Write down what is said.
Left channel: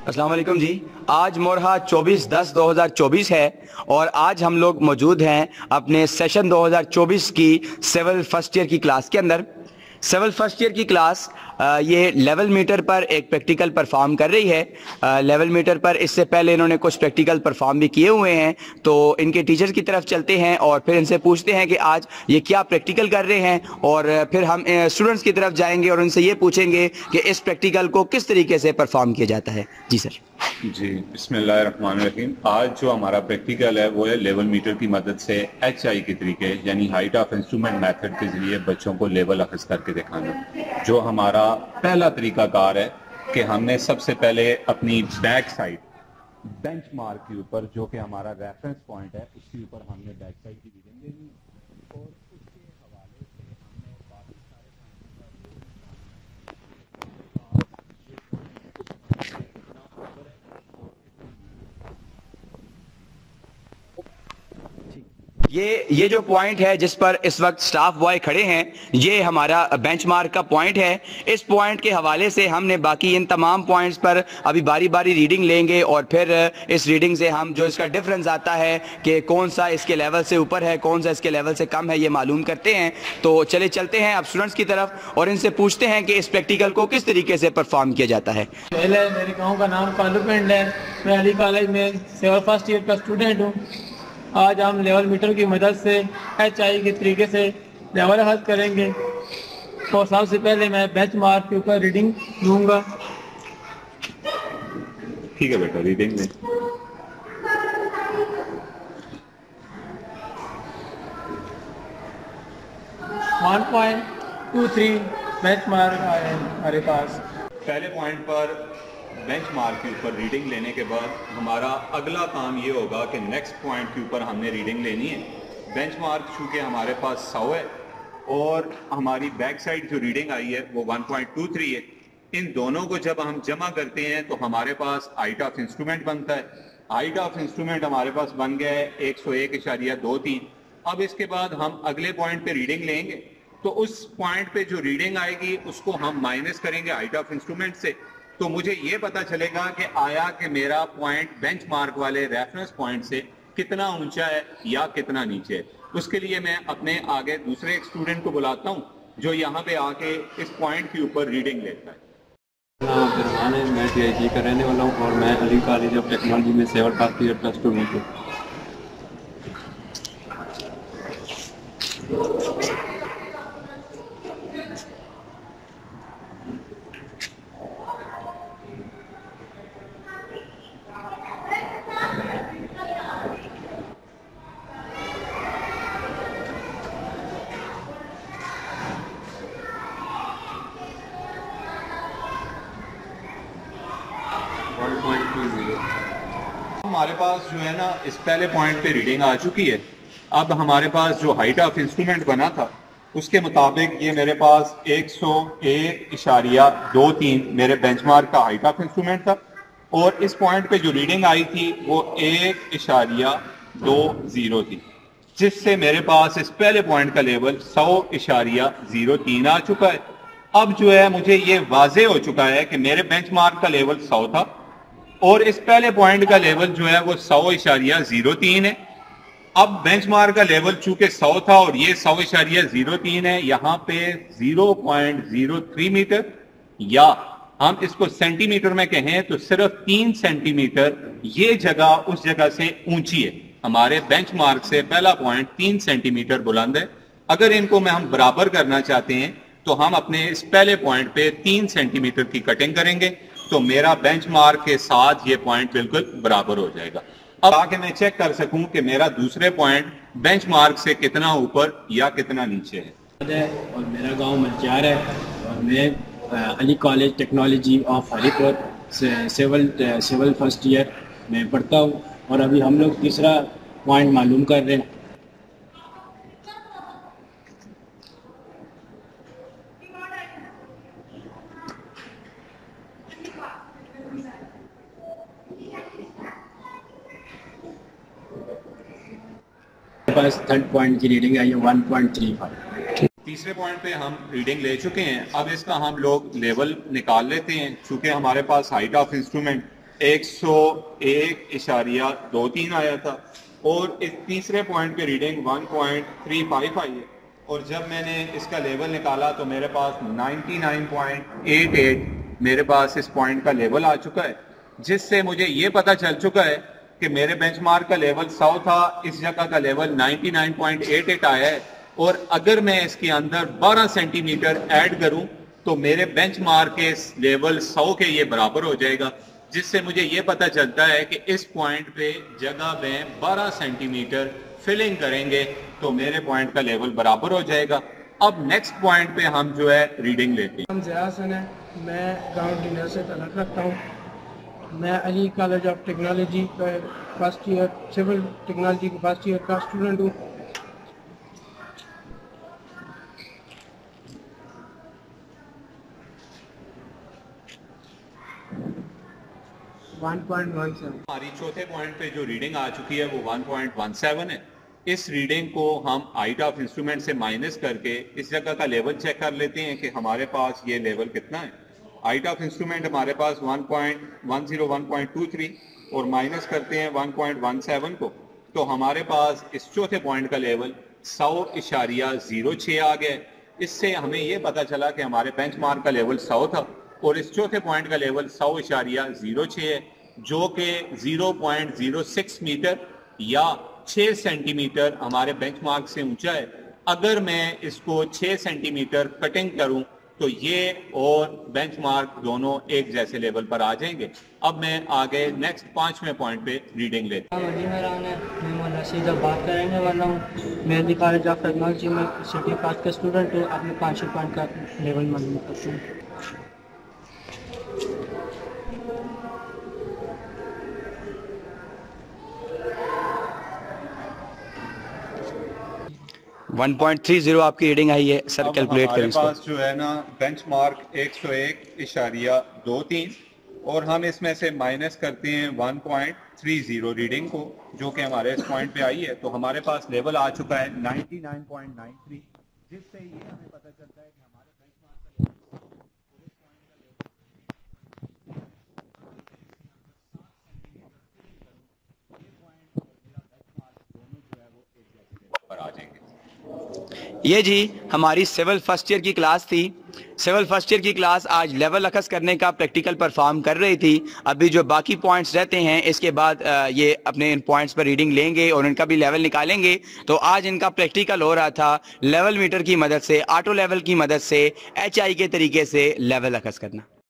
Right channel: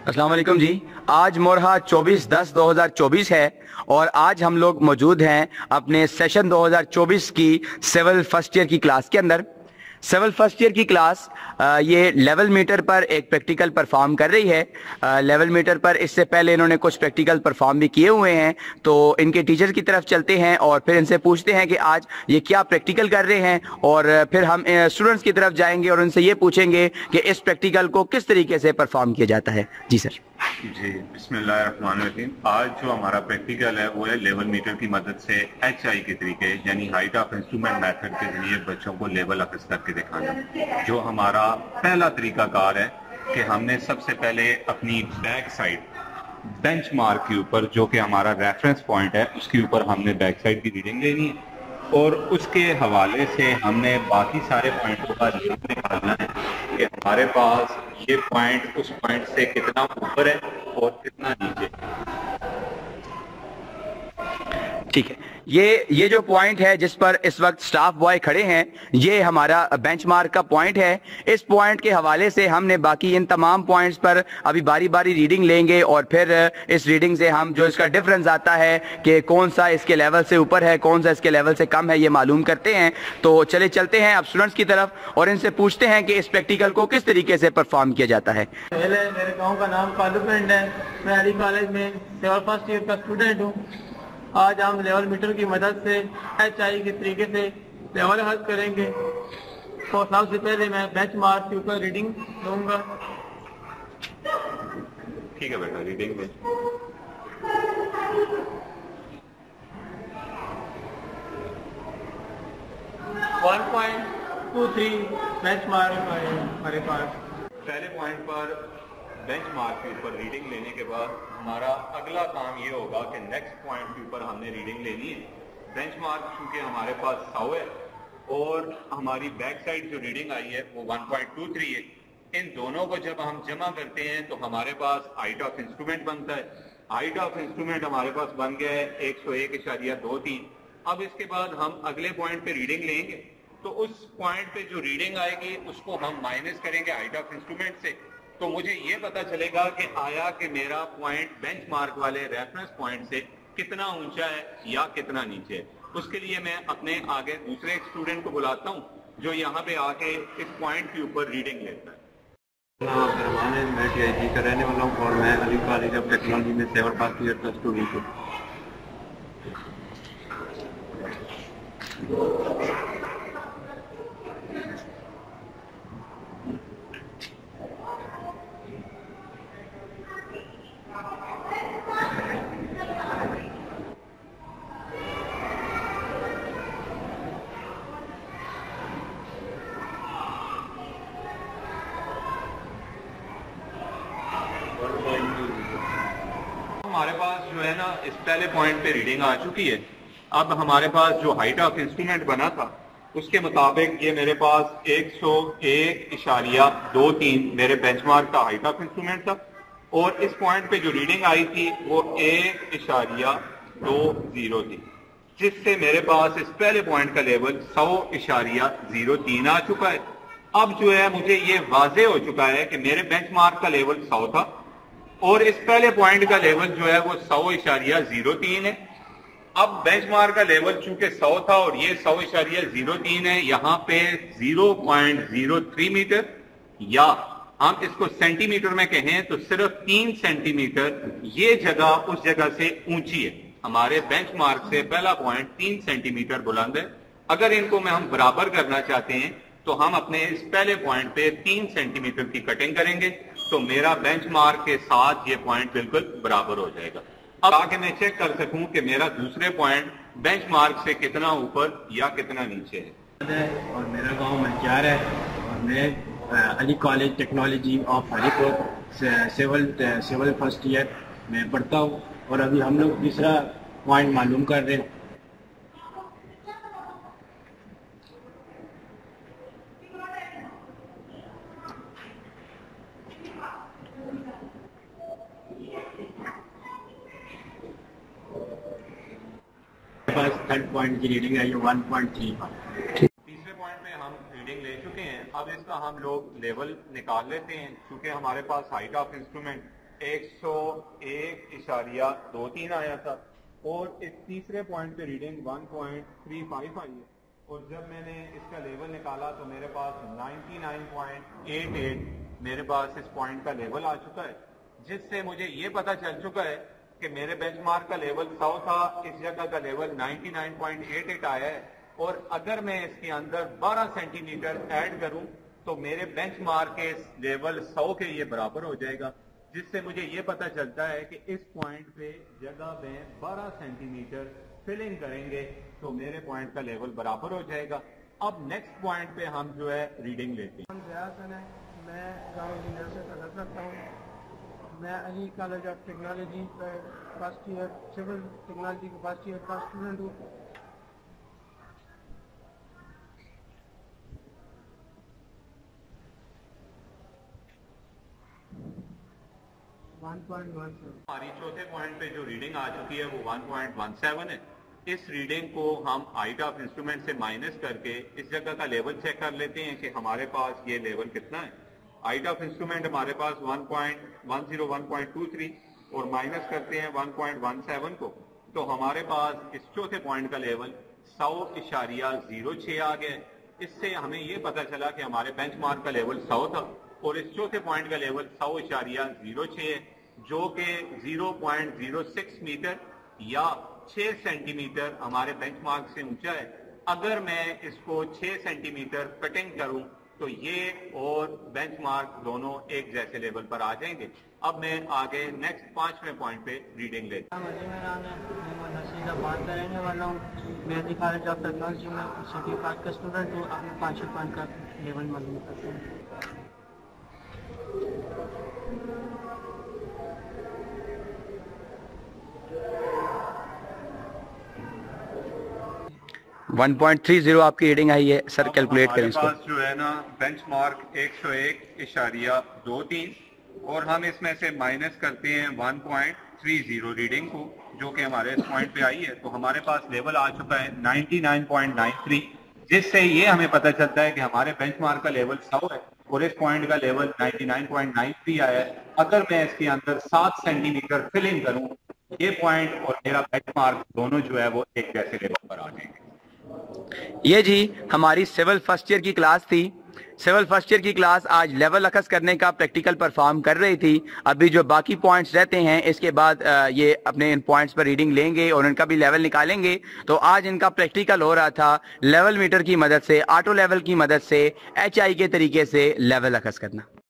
अस्सलाम वालेकुम जी। आज मोरहा 24/10/2024 है और आज हम लोग मौजूद हैं अपने सेशन 2024 की सिविल फर्स्ट ईयर की क्लास के अंदर। सिविल फर्स्ट ईयर की क्लास ये लेवल मीटर पर एक प्रैक्टिकल परफॉर्म कर रही है। लेवल मीटर पर इससे पहले इन्होंने कुछ प्रैक्टिकल परफॉर्म भी किए हुए हैं, तो इनके टीचर की तरफ चलते हैं और फिर इनसे पूछते हैं कि आज ये क्या प्रैक्टिकल कर रहे हैं, और फिर हम स्टूडेंट्स की तरफ जाएंगे और उनसे ये पूछेंगे कि इस प्रैक्टिकल को किस तरीके से परफॉर्म किया जाता है। जी सर। जी, बिस्मिल्लाहिर्रहमानिर्रहीम। आज जो हमारा प्रैक्टिकल है वो है लेवल मीटर की मदद से HI के तरीके यानी हाइट ऑफ इंस्ट्रूमेंट मेथड के जरिए बच्चों को लेवल अखज़ करके दिखाना। जो हमारा पहला तरीकाकार है कि हमने सबसे पहले अपनी बैक साइड बेंच मार्क के ऊपर, जो कि हमारा रेफरेंस पॉइंट है, उसके ऊपर हमने बैक साइड की रीडिंग लेनी है और उसके हवाले से हमने बाकी सारे पॉइंटों का लिंक निकालना है कि हमारे पास ये पॉइंट उस पॉइंट से कितना ऊपर है और कितना नीचे। ठीक है, ये जो पॉइंट है जिस पर इस वक्त स्टाफ बॉय खड़े हैं, ये हमारा बेंचमार्क का पॉइंट है। इस पॉइंट के हवाले से हमने बाकी इन तमाम पॉइंट्स पर अभी बारी बारी रीडिंग लेंगे और फिर इस रीडिंग से हम जो इसका डिफरेंस आता है कि कौन सा इसके लेवल से ऊपर है, कौन सा इसके लेवल से कम है, ये मालूम करते हैं। तो चले चलते हैं अब स्टूडेंट्स की तरफ और इनसे पूछते हैं कि इस प्रैक्टिकल को किस तरीके से परफॉर्म किया जाता है। पहले मेरे गाँव का नाम कालू पिंड है। मैं अली कॉलेज में सिविल फर्स्ट ईयर का स्टूडेंट हूँ। आज हम लेवल मीटर की मदद से HI के तरीके से लेवल हल करेंगे। तो सबसे पहले मैं बेंच मार्क के ऊपर रीडिंग लूँगा। ठीक है बेटा, रीडिंग ले। .23 बेंच मार्क आए हमारे पास। पहले पॉइंट पर बेंच मार्क के ऊपर रीडिंग लेने के बाद हमारा अगला काम ये होगा कि नेक्स्ट पॉइंट के ऊपर हमने रीडिंग लेनी है। बेंच मार्क चूँकि हमारे पास 100 है और हमारी बैक साइड जो रीडिंग आई है वो 1.23 है। इन दोनों को जब हम जमा करते हैं तो हमारे पास हाइट ऑफ इंस्ट्रूमेंट बनता है। हाइट ऑफ इंस्ट्रूमेंट हमारे पास बन गया है 101.23। अब इसके बाद हम अगले पॉइंट पे रीडिंग लेंगे, तो उस पॉइंट पे जो रीडिंग आएगी उसको हम माइनस करेंगे हाइट ऑफ इंस्ट्रूमेंट से। तो मुझे ये पता चलेगा कि आया कि मेरा पॉइंट बेंचमार्क वाले रेफरेंस पॉइंट से कितना ऊंचा है या कितना नीचे है। उसके लिए मैं अपने आगे दूसरे एक स्टूडेंट को बुलाता हूँ जो यहाँ पे आके इस पॉइंट के ऊपर रीडिंग लेता है। मैं PhD का रहने वाला हूँ और मैं अली कॉलेज ऑफ टेक्नोलॉजी में सिविल फर्स्ट ईयर का स्टूडेंट हूँ। हमारे पास जो है ना इस पहले पॉइंट पे रीडिंग आ चुकी है। अब हमारे पास जो हाइट ऑफ इंस्ट्रूमेंट बना था उसके मुताबिक ये मेरे पास 101.23 मेरे बेंचमार्क का हाइट ऑफ इंस्ट्रूमेंट था और इस पॉइंट पे जो रीडिंग आई थी वो 1.20 थी, जिससे मेरे पास इस पहले पॉइंट का लेवल 100.03 आ चुका है। अब जो है मुझे ये वाजे हो चुका है कि मेरे बेंचमार्क का लेवल 100 था और इस पहले पॉइंट का लेवल जो है वो 100.03 है। अब बेंचमार्क का लेवल चूंकि 100 था और ये 100.03 है, यहाँ पे 0.03 मीटर, या हम इसको सेंटीमीटर में कहें तो सिर्फ 3 सेंटीमीटर ये जगह उस जगह से ऊंची है। हमारे बेंचमार्क से पहला पॉइंट 3 सेंटीमीटर बुलंद है। अगर इनको में हम बराबर करना चाहते हैं तो हम अपने इस पहले पॉइंट पे 3 सेंटीमीटर की कटिंग करेंगे, तो मेरा बेंचमार्क के साथ ये पॉइंट बिल्कुल बराबर हो जाएगा। अब आगे मैं चेक कर सकूं कि मेरा दूसरे पॉइंट बेंचमार्क से कितना ऊपर या कितना नीचे है। और मेरा गांव मंचार है और मैं Ali college technology of Haripur civil first year में पढ़ता हूँ और अभी हम लोग तीसरा पॉइंट मालूम कर रहे हैं। पास थर्ड पॉइंट की रीडिंग आई है 1.35। तीसरे पॉइंट पे हम रीडिंग ले चुके हैं। अब इसका हम लोग लेवल निकाल लेते हैं। चूंकि हमारे पास हाइट ऑफ इंस्ट्रूमेंट 101.23 आया था और इस तीसरे पॉइंट पे रीडिंग 1.35 आई है और जब मैंने इसका लेवल निकाला तो मेरे पास 99.88 मेरे पास इस पॉइंट का लेवल आ चुका है, जिससे मुझे ये पता चल चुका है कि मेरे बेंचमार्क का लेवल 100 था, इस जगह का लेवल 99.88 आया है और अगर मैं इसके अंदर 12 सेंटीमीटर ऐड करूं तो मेरे बेंचमार्क के लेवल 100 के ये बराबर हो जाएगा, जिससे मुझे ये पता चलता है कि इस पॉइंट पे जगह में 12 सेंटीमीटर फिलिंग करेंगे तो मेरे पॉइंट का लेवल बराबर हो जाएगा। अब नेक्स्ट पॉइंट पे हम जो है रीडिंग लेते हैं। नाम ज़िया हसन है, मैं गाँव डिनर से तलक रखता हूँ। मैं अली कॉलेज ऑफ टेक्नोलॉजी का फर्स्ट ईयर, सिविल टेक्नोलॉजी का फर्स्ट ईयर का स्टूडेंट हूँ। हमारी चौथे पॉइंट पे जो रीडिंग आ चुकी है वो 1.17 है। इस रीडिंग को हम हाइट ऑफ इंस्ट्रूमेंट से माइनस करके इस जगह का लेवल चेक कर लेते हैं कि हमारे पास ये लेवल कितना है। हाइट ऑफ इंस्ट्रूमेंट हमारे पास 1.23 और माइनस करते हैं 1.17 को, तो हमारे पास इस चौथे पॉइंट का लेवल 100.06 आ गया। इससे हमें ये पता चला कि हमारे बेंचमार्क का लेवल 100 था और इस चौथे पॉइंट का लेवल 100.06 है, जो कि 0.06 मीटर या 6 सेंटीमीटर हमारे बेंचमार्क से ऊंचा है। अगर मैं इसको 6 सेंटीमीटर कटिंग करूं तो ये और बेंचमार्क दोनों एक जैसे लेवल पर आ जाएंगे। अब मैं आगे नेक्स्ट 5वें पॉइंट पे रीडिंग लेता हूं। मैं बात करेंगे वाला हूँ। मैं अली कॉलेज ऑफ टेक्नोलॉजी में सिटी पास का स्टूडेंट हूँ। अपने 5 पॉइंट का लेवल मालूम करता हूँ। 1.30 आपकी रीडिंग आई है सर, कैलकुलेट करें इसको। हमारे पास जो है ना बेंचमार्क 101.23 और हम इसमें से माइनस करते हैं 1.30 रीडिंग को, जो कि हमारे इस पॉइंट पे आई है, तो हमारे पास लेवल आ चुका है 99.93, जिससे ये हमें पता चलता है कि हमारे बेंचमार्क का लेवल 100 है और इस पॉइंट का लेवल 99.93 आया है। अगर मैं इसके अंदर 7 सेंटीमीटर फिलिंग करूं, ये पॉइंट और मेरा बेंचमार्क दोनों जो है वो एक जैसे लेवल पर आ जाएंगे। ये जी हमारी सिविल फर्स्ट ईयर की क्लास थी। सिविल फर्स्ट ईयर की क्लास आज लेवल अखज़ करने का प्रैक्टिकल परफॉर्म कर रही थी। अभी जो बाकी पॉइंट्स रहते हैं इसके बाद ये अपने इन पॉइंट्स पर रीडिंग लेंगे और इनका भी लेवल निकालेंगे। तो आज इनका प्रैक्टिकल हो रहा था लेवल मीटर की मदद से, ऑटो लेवल की मदद से, HI के तरीके से लेवल अखज़ करना।